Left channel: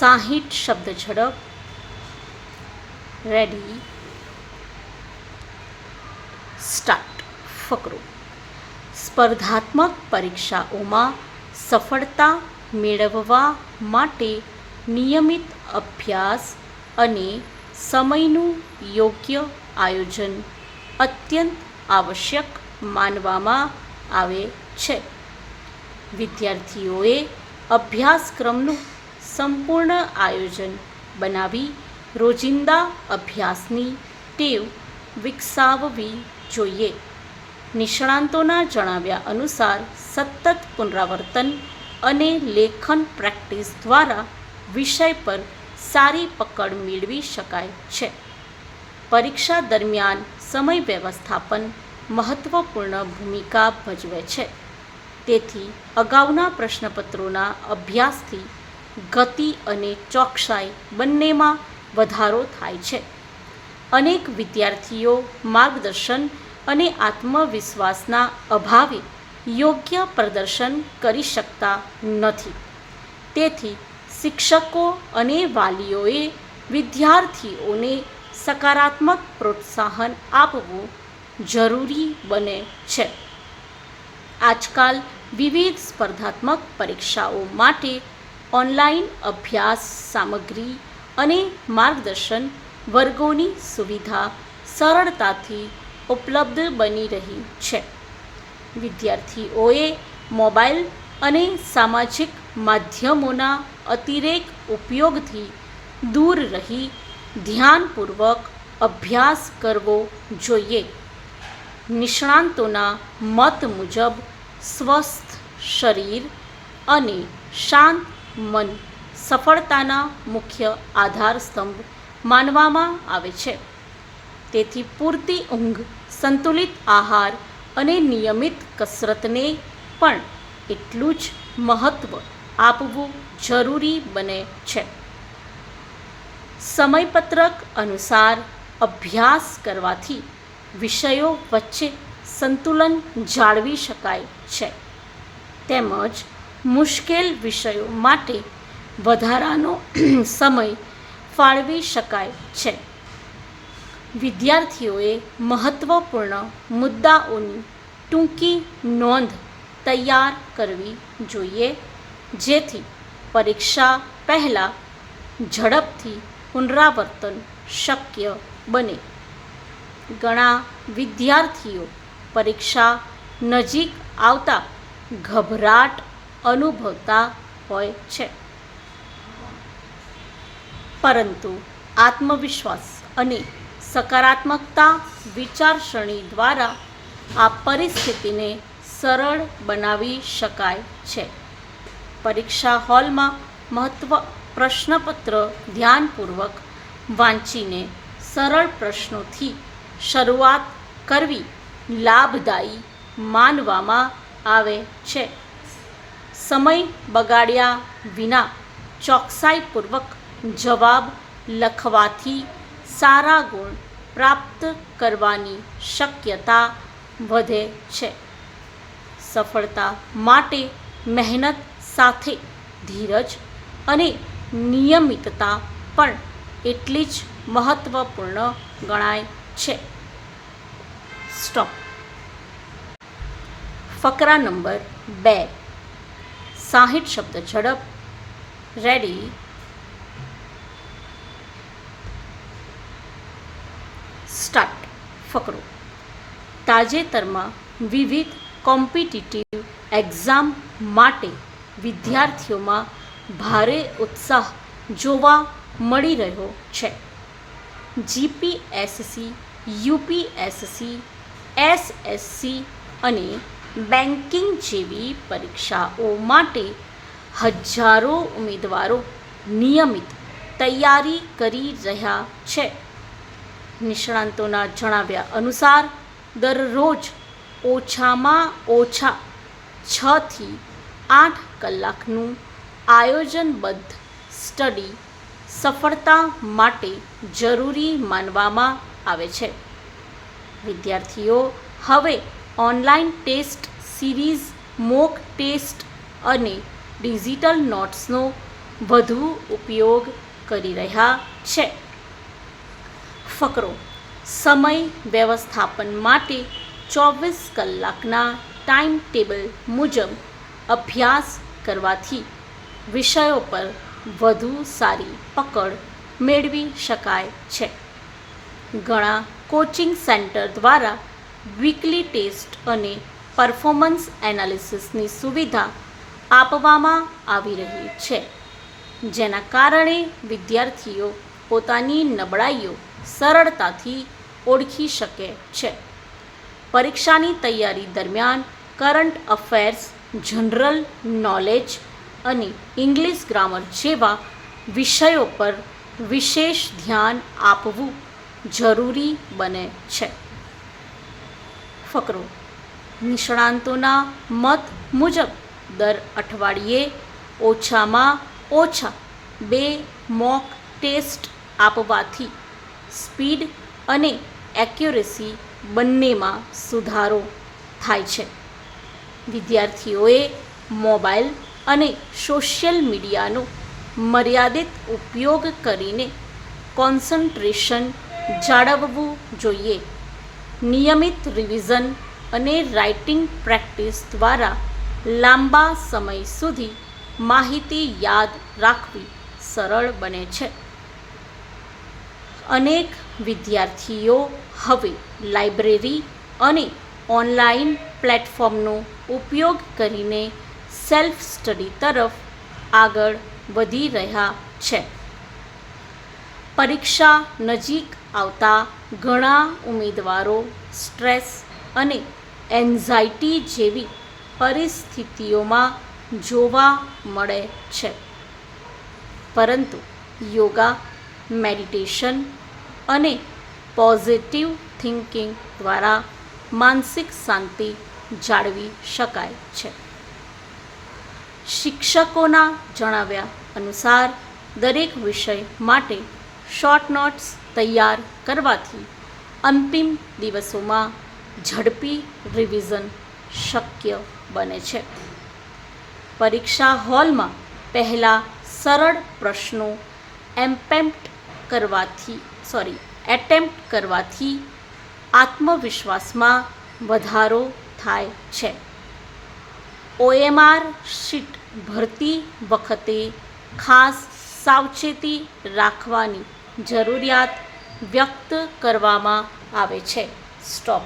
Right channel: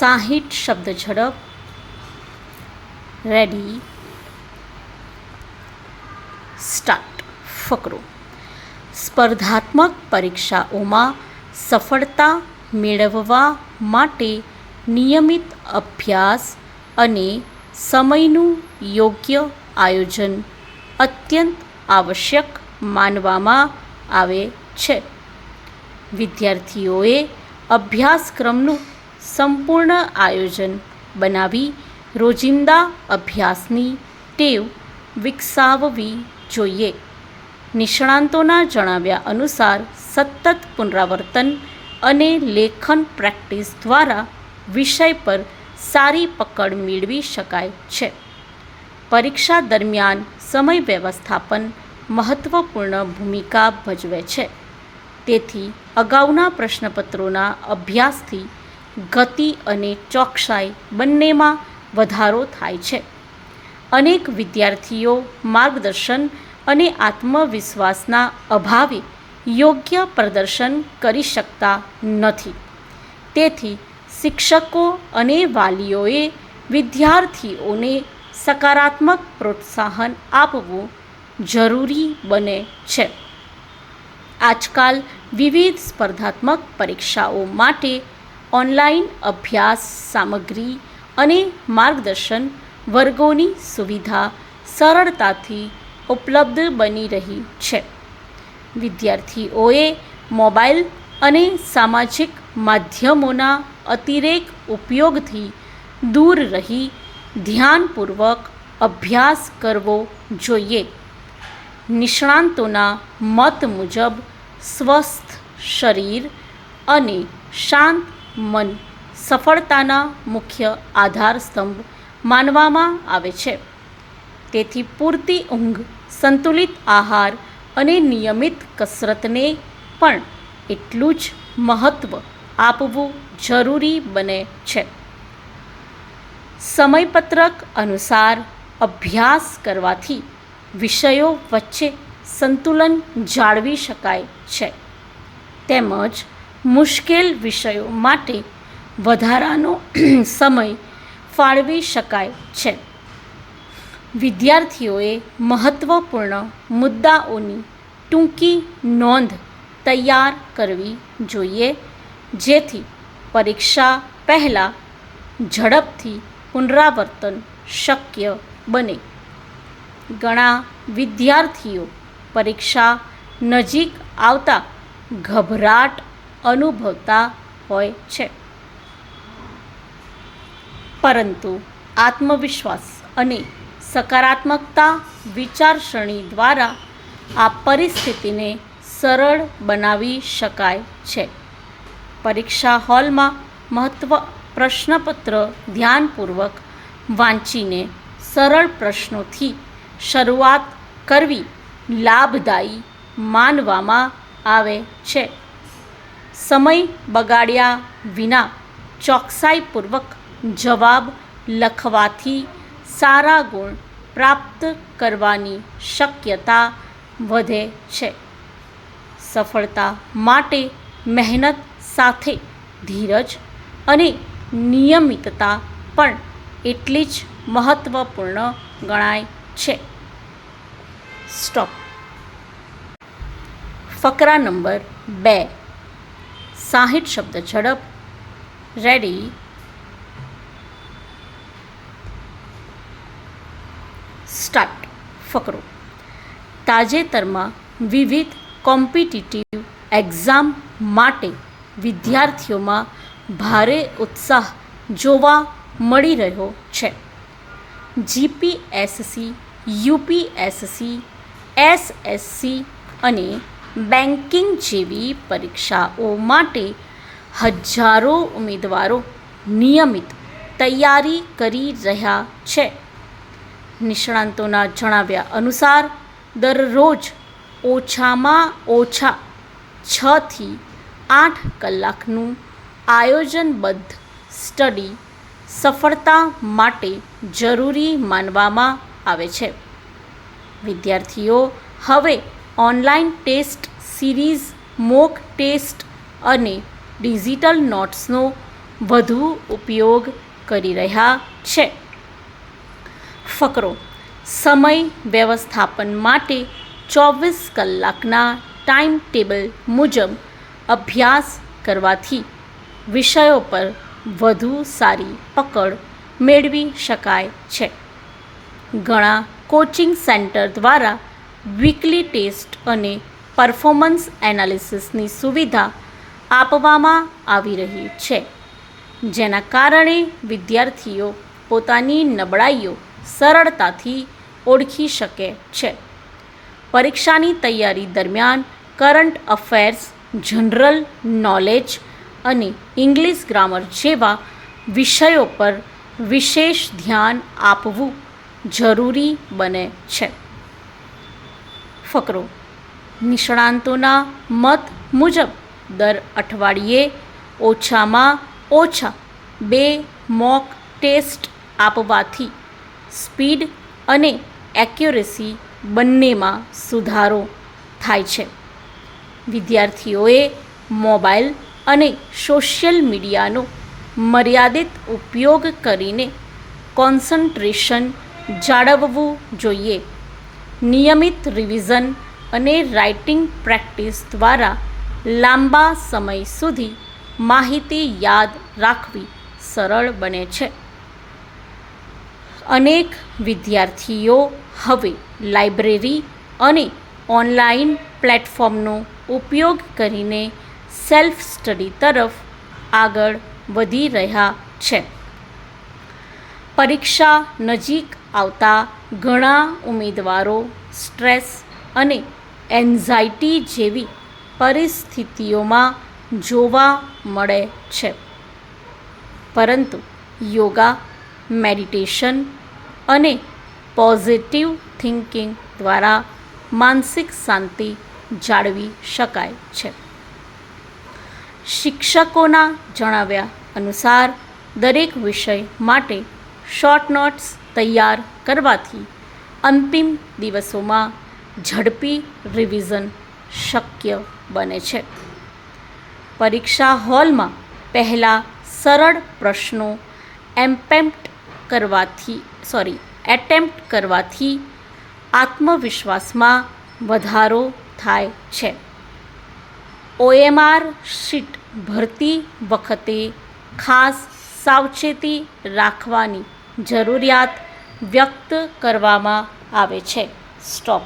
60 શબ્દ ઝડપ. Ready, start. ફકરો. સ્પર્ધાત્મક પરીક્ષાઓમાં સફળતા મેળવવા માટે નિયમિત અભ્યાસ અને સમયનું યોગ્ય આયોજન અત્યંત આવશ્યક માનવામાં આવે છે. વિદ્યાર્થીઓએ અભ્યાસક્રમનું સંપૂર્ણ આયોજન બનાવી રોજિંદા અભ્યાસની ટેવ વિકસાવવી જોઈએ. નિષ્ણાંતોના જણાવ્યા અનુસાર સતત પુનરાવર્તન અને લેખન પ્રેક્ટિસ દ્વારા વિષય પર સારી પકડ મેળવી શકાય છે. પરીક્ષા દરમિયાન સમય વ્યવસ્થાપન મહત્વપૂર્ણ ભૂમિકા ભજવે છે. તેથી અગાઉના પ્રશ્નપત્રોના અભ્યાસથી ગતિ અને ચોકસાઈ બંનેમાં વધારો થાય છે. અનેક વિદ્યાર્થીઓ માર્ગદર્શન અને આત્મવિશ્વાસના અભાવે યોગ્ય પ્રદર્શન કરી શકતા નથી. તેથી શિક્ષકો અને વાલીઓએ વિદ્યાર્થીઓને સકારાત્મક પ્રોત્સાહન આપવું જરૂરી બને છે. આજકાલ વિવિધ સ્પર્ધાત્મક પરીક્ષાઓ માટે ઓનલાઈન અભ્યાસ સામગ્રી અને માર્ગદર્શન વર્ગોની સુવિધા સરળતાથી ઉપલબ્ધ બની રહી છે. વિદ્યાર્થીઓએ મોબાઈલ અને સામાજિક માધ્યમોના અતિરેક ઉપયોગથી દૂર રહી ધ્યાનપૂર્વક અભ્યાસ કરવો જોઈએ. નિષ્ણાંતોના મત મુજબ સ્વસ્થ શરીર અને શાંત મન સફળતાના મુખ્ય આધારસ્તંભ માનવામાં આવે છે. તેથી પૂરતી ઊંઘ, સંતુલિત આહાર અને નિયમિત કસરતને પણ એટલું જ મહત્ત્વ આપવું જરૂરી બને છે. સમયપત્રક અનુસાર અભ્યાસ કરવાથી વિષયો વચ્ચે સંતુલન જાળવી શકાય છે તેમજ મુશ્કેલ વિષયો માટે વધારાનો સમય ફાળવી શકાય છે. વિદ્યાર્થીઓએ મહત્વપૂર્ણ મુદ્દાઓની ટૂંકી નોંધ તૈયાર કરવી જોઈએ જેથી પરીક્ષા પહેલાં ઝડપથી પુનરાવર્તન શક્ય બને. ઘણા વિદ્યાર્થીઓ પરીક્ષા નજીક આવતા ગભરાટ અનુભવતા હોય છે, પરંતુ આત્મવિશ્વાસ અને સકારાત્મકતા વિચારસરણી દ્વારા આ પરિસ્થિતિને સરળ બનાવી શકાય છે. પરીક્ષા હોલમાં પ્રશ્નપત્ર ધ્યાનપૂર્વક વાંચીને સરળ પ્રશ્નોથી શરૂઆત કરવી લાભદાયી માનવામાં આવે છે. સમય બગાડ્યા વિના ચોકસાઈપૂર્વક જવાબ લખવાથી સારા ગુણ પ્રાપ્ત કરવાની શક્યતા વધે છે. સફળતા માટે મહેનત સાથે ધીરજ અને નિયમિતતા પણ એટલી જ મહત્વપૂર્ણ ગણાય છે. સ્ટોપ. ફકરા નંબર 2. 60 શબ્દ ઝડપ. Ready, start. ફકરો. તાજેતરમાં વિવિધ કોમ્પિટિટિવ એક્ઝામ માટે વિદ્યાર્થીઓમાં ભારે ઉત્સાહ જોવા મળી રહ્યો છે. જીપીએસસી, યુપીએસસી, એસએસસી અને બેન્કિંગ જેવી પરીક્ષાઓ માટે હજારો ઉમેદવારો નિયમિત તૈયારી કરી રહ્યા છે. નિષ્ણાંતોના જણાવ્યા અનુસાર દરરોજ ઓછામાં ઓછા 6 થી 8 કલાકનું આયોજનબદ્ધ સ્ટડી સફળતા માટે જરૂરી માનવામાં આવે છે. વિદ્યાર્થીઓ હવે online test series, mock test અને ડિજિટલ નોટ્સનો વધુ ઉપયોગ કરી રહ્યા છે. ફકરો: સમય વ્યવસ્થાપન માટે 24 કલાકના ટાઈમ ટેબલ મુજબ અભ્યાસ કરવાથી વિષયો પર વધુ સારી પકડ મેળવી શકાય છે. ઘણા કોચિંગ સેન્ટર દ્વારા વીકલી ટેસ્ટ અને પરફોર્મન્સ એનાલિસિસની સુવિધા આપવામાં આવી રહી છે, જેના કારણે વિદ્યાર્થીઓ પોતાની નબળાઈઓ સરળતાથી ઓળખી શકે છે. પરીક્ષાની તૈયારી દરમિયાન કરંટ અફેર્સ, જનરલ નોલેજ અને ઇંગ્લિશ ગ્રામર જેવા વિષયો પર વિશેષ ધ્યાન આપવું જરૂરી બને છે. ફકરો: નિષ્ણાતોના મત મુજબ દર અઠવાડિયે ઓછામાં ઓછા 2 મોક ટેસ્ટ આપવાથી સ્પીડ અને એક્યુરેસી બંનેમાં સુધારો થાય છે. વિદ્યાર્થીઓએ મોબાઈલ અને સોશિયલ મીડિયાનો મર્યાદિત ઉપયોગ કરીને કોન્સન્ટ્રેશન જાળવવું જોઈએ. નિયમિત રિવિઝન અને રાઇટિંગ પ્રેક્ટિસ દ્વારા લાંબા સમય સુધી માહિતી યાદ રાખવી સરળ બને છે. અનેક વિદ્યાર્થીઓ હવે લાઇબ્રેરી અને ઓનલાઈન પ્લેટફોર્મનો ઉપયોગ કરીને સેલ્ફ સ્ટડી તરફ આગળ વધી રહ્યા છે. પરીક્ષા નજીક આવતા ઘણા ઉમેદવારો સ્ટ્રેસ અને એન્ઝાઇટી જેવી પરિસ્થિતિઓમાં જોવા મળે છે, પરંતુ યોગા, મેડિટેશન અને પોઝિટિવ થિંકિંગ દ્વારા માનસિક શાંતિ જાળવી શકાય છે. શિક્ષકોના જણાવ્યા અનુસાર દરેક વિષય માટે શોર્ટ નોટ્સ તૈયાર કરવાથી અંતિમ દિવસોમાં ઝડપી રિવિઝન શક્ય બને છે. પરીક્ષા હોલમાં પહેલાં સરળ પ્રશ્નો એટેમ્પ્ટ કરવાથી આત્મવિશ્વાસમાં વધારો થાય છે. OMR શીટ ભરતી વખતે ખાસ સાવચેતી રાખવાની જરૂરિયાત વ્યક્ત કરવામાં આવે છે. સ્ટોપ.